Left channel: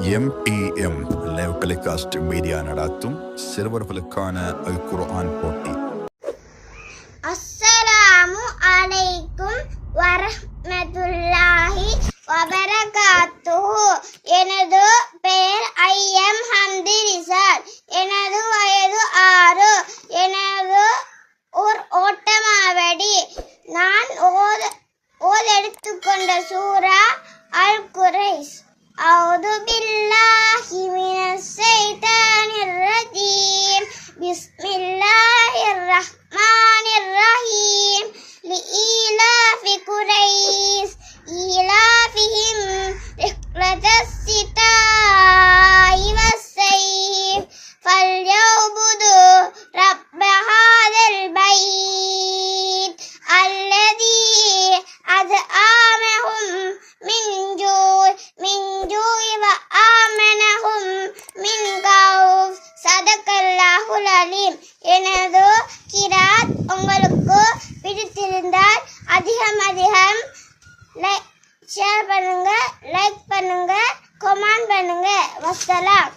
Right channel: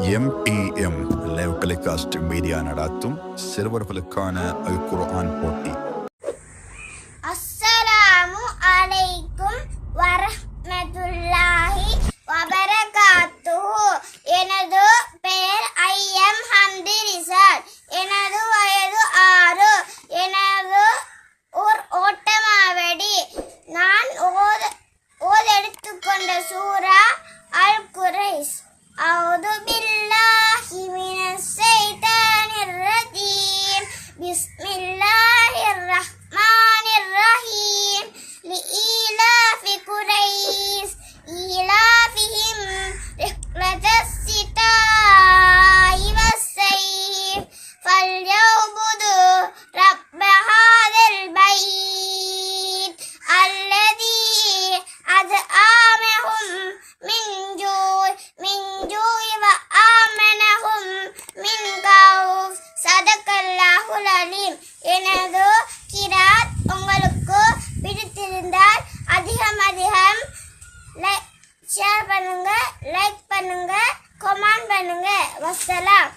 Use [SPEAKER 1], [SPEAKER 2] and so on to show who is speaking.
[SPEAKER 1] M M live telecast media நடாத்தும் சிறுவர்களுக்கான அல் குர்ஆன் போட்டி.
[SPEAKER 2] அஸ்ஸலாமு அலைக்கும் வரஹ்மத்துல்லாஹி வபரகாத்துஹு ரப்புல் அலீம் எனது கிராத் உங்களுக்கு பிடித்திருந்தால் அதிகம் அதிகம் லைக் ஷேர் பண்ணுங்க லைக் பண்ணுங்க கமெண்ட் பண்ணுங்க. வசலாம்.